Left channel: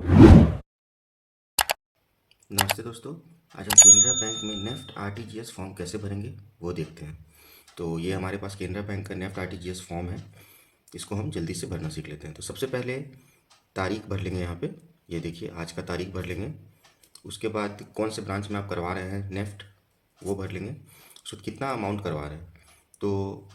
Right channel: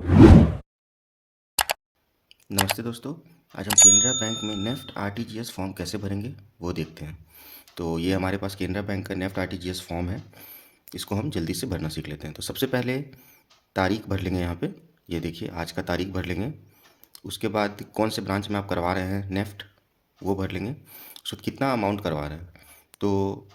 नमस्ते दोस्तों। आज हम केनरा बैंक में नेफ्ट आरटीजीएस फॉर्म कैसे भरेंगे वो देखते हैं। तो ये हमारे पास केनरा बैंक का नेफ्ट आरटीजीएस फॉर्म है। इसको हम जल्दी से भरना सीख लेते हैं। तो सबसे पहले तारीख भर लेंगे यहाँ पे। ये देखिए आज का तारीख भर लेंगे। उसके बाद कौन से ब्रांच में आप करवा रहे हैं नेफ्ट वो भर लेंगे। उसके बाद कितना अमाउंट करवा रहे हैं। तो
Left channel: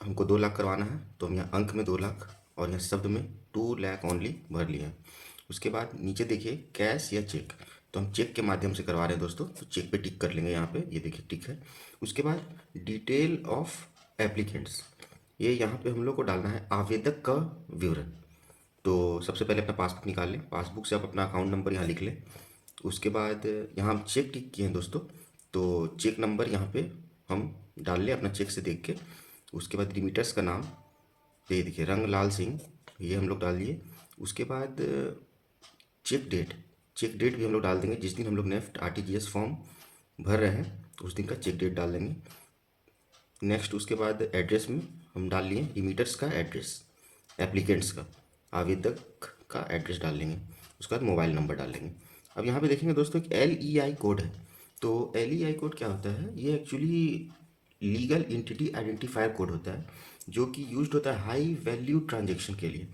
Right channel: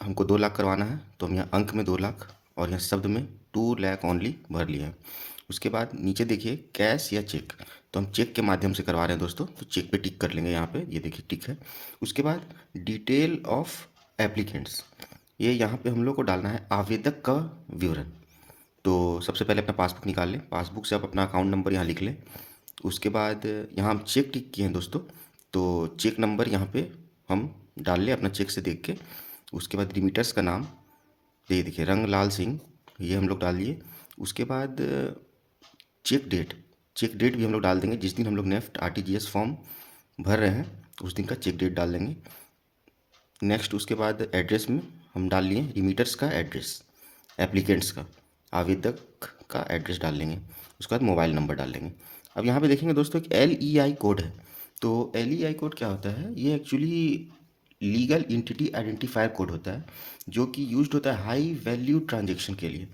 हमको 2 लाख करवाना है तो हम यहाँ अंक में 2 लाख और यहाँ शब्द में 2 लाख ओनली भर लिया है। उसके बाद नीचे देखिए कैश या चेक, तो हम चेक के माध्यम से करवा रहे हैं दोस्तों, तो चेक पे टिक कर लेंगे यहाँ पे। ये देखिए टिक है। उसके बाद डिटेल ऑफ एप्लीकेंट्स, ये यहाँ पे हम लोग को डालना है आवेदक का विवरण। तो सबसे पहले अपना पासबुक निकाल लें। पासबुक से आप अपना अकाउंट नंबर यहाँ लिख लें। उसके बाद यहाँ हम चेक टिक किए हैं दोस्तों, तो चेक नंबर यहाँ पे हम डाल लें अपना चेक से देख के। उसके बाद रिमीटर्स का नाम, ये देखिए रंगलाल सिंह, ये हम लोग डाल दिए। उसके बाद चेक डेट, चेक डेट भी हम लोग डाल देंगे। जिस दिन हम लोग नेफ्ट आरटीजीएस फॉर्म भर रहे हैं उस दिन का चेक डेट डाल देंगे। नेक्स्ट उसके बाद एड्रेस में हम डाल लिए रिमीटर्स का एड्रेस, एप्लीकेंट्स का, आवेदक का एड्रेस डाल लेंगे। उसके बाद मोबाइल नंबर डाल लेंगे। अब यहाँ पे देखेंगे दोस्तों एक LEI कोड है। तो LEI कोड क्या होता है, ये actually legal entity identifier code होता है, जो कि यूज्ड होता है हाई वैल्यू ट्रांजेक्शन के लिए।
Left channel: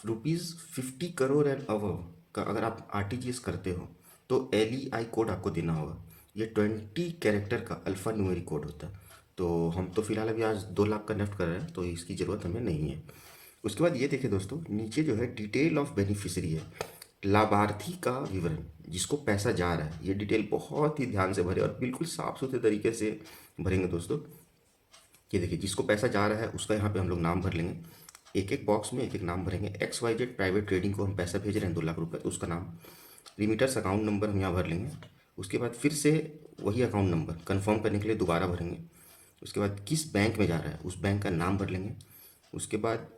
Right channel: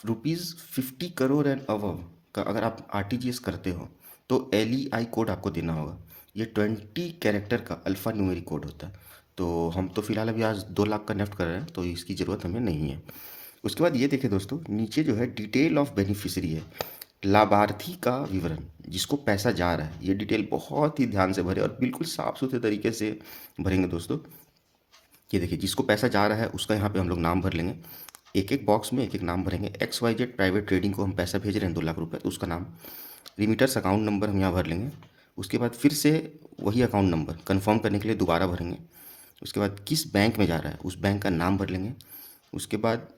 ₹50 करोड़ एंड अबव का अगर आप आरटीजीएस करते हो तो LEI कोड आपको देना होगा। ये 20 कैरेक्टर का अल्फ़ा न्यूमेरिक कोड होता है। तो हम तो फिलहाल अभी आज 2 लाख का नेफ्ट कर रहे हैं तो इसकी ज़रूरत हमें नहीं है। उसके बाद ये देखिए दोस्तों नीचे जो है डिटेल ऑफ बेनिफिशियरी है, लाभार्थी का विवरण, जिसको पैसा जा रहा है। ये डिटेल बहुत ही ध्यान से भरे और बिल्कुल साफ़ सुथरे तरीके से भरेंगे दोस्तों। ये देखिए जिसको पैसा जा रहा है उसका यहाँ पे हम लोग नाम भर लेंगे। एक एक बॉक्स में एक एक नाम भरेंगे। XYZ प्राइवेट ट्रेडिंग को हम पैसा भेज रहे हैं 2 लाख रुपए, तो उसका नाम। रिमीटर्स अकाउंट नंबर हम यहाँ भर लेंगे। उसके बाद फिर से वही अकाउंट नंबर कंफर्म करने के लिए दोबारा भरेंगे। उसके बाद किस बैंक में जा रहा है उस बैंक का नाम भर लेंगे। उसके बाद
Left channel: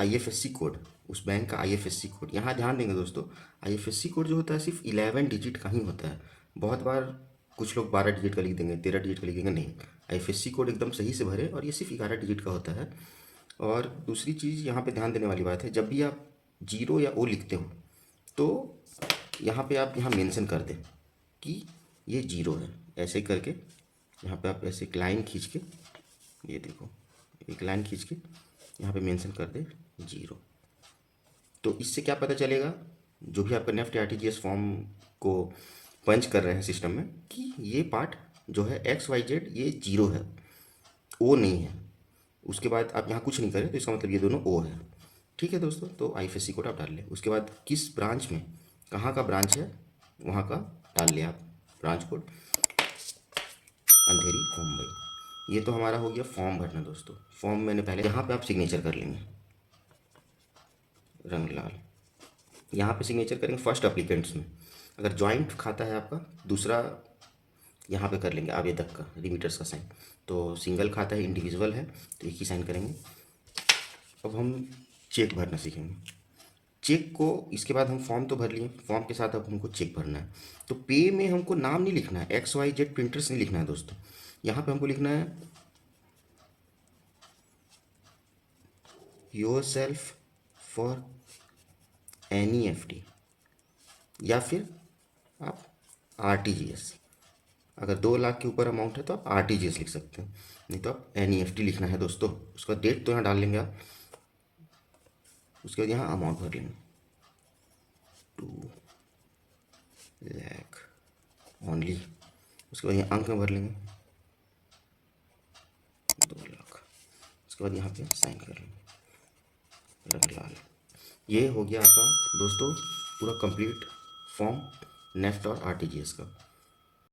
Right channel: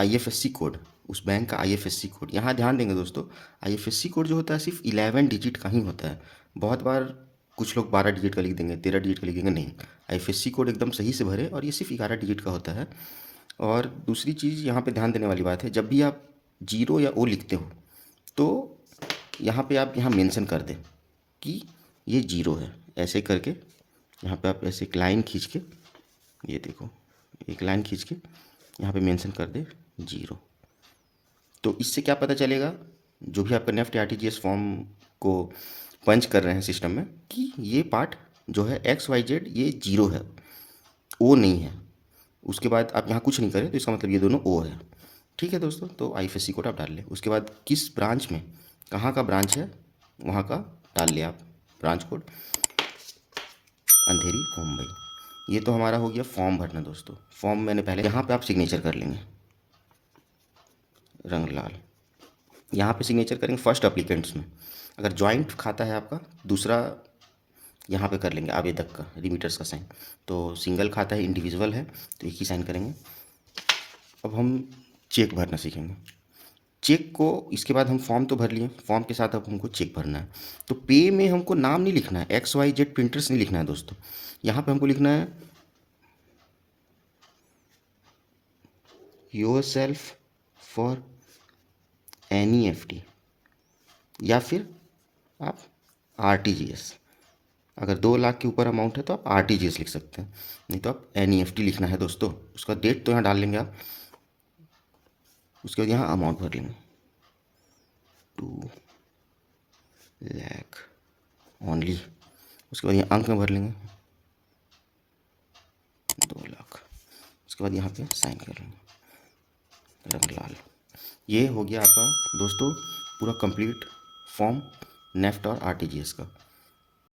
IFSC कोड, उस बैंक का IFSC कोड। यहाँ ध्यान देंगे दोस्तों, IFSC कोड जो होता है सिर्फ 11 डिजिट का ही होता है। बहुत बार कुछ लोग 12 डिजिट का लिख देंगे, 13 डिजिट का लिख देंगे, नहीं। IFSC कोड एकदम सही से भरे और ये सिर्फ 11 डिजिट का होता है। और दूसरी चीज़ यहाँ पे ध्यान देने वाली बात है, जब भी आप जीरो या ओ लिखते हो तो यहाँ पे आप यहाँ मेंशन कर दें कि ये जीरो है। ऐसे करके यहाँ पे आप ऐसे एक लाइन खींच के, ये देखो एक लाइन खींच के यहाँ पे मेंशन कर दे जीरो। तो इससे क्या पता चलेगा, जो भी आपका नेफ्ट आरटीजीएस फॉर्म को पंच कर रहे हैं सिस्टम में, कि ये पार्ट जो है XYZ ये जीरो है, ओ नहीं है। उसके बाद आप यहाँ कुछ नहीं करें तो इसका मतलब ये दोनों ओ है। ठीक है दोस्तों, तो IFSC कोड आप डाल लें। उसके बाद किस ब्रांच में, कहाँ का ब्रांच है वहाँ का डाल लें आप ब्रांच कोड, अंधेरी मुंबई। ये तो हमारा हो गया फॉर्म भरना दोस्तों। फॉर्म मैंने पहले, यहाँ पे आप सिग्नेचर कर लेंगे रंगलाल, यहाँ पे सिग्नेचर करेंगे फर्स्ट अप्लीकेंट्स में। अगर जॉइंट खाता है आपका, दूसरा यहाँ पे कर लेंगे आवेदक का, रिमीटर्स का साइन। तो सिंगल खाता है, इंडिविजुअल है, तो एक ही साइन करेंगे। अब हम चेक भरना सीखेंगे। चेक को इसके बाद हम फॉर्म तो भर लिए, फॉर्म के साथ अब हमको चेक भरना है। तो पे में हमको नाम नहीं लिखना है, XYZ प्रिंटर्स नहीं लिखना है दोस्तों। यहाँ पे हमको लिखना है योर सेल्फ फॉर NEFT, या फिर आप RTGS। अगर 2 लाख के ऊपर अमाउंट है तो आप RTGS लिख सकते हैं, नहीं तो आप NEFT लिखना है दोस्तों। उसका डेट तो यहाँ डाल लेंगे आप। उसके बाद यहाँ अमाउंट भर लेंगे 2 लाख ओनली। उसके बाद यहाँ अंक में भर लेंगे 2 लाख। उसके बाद यहाँ पे साइन कर लेंगे रंगलाल। ये हो गया आपका दोस्तों पूरा कंप्लीट फॉर्म नेफ्ट और RTGS का।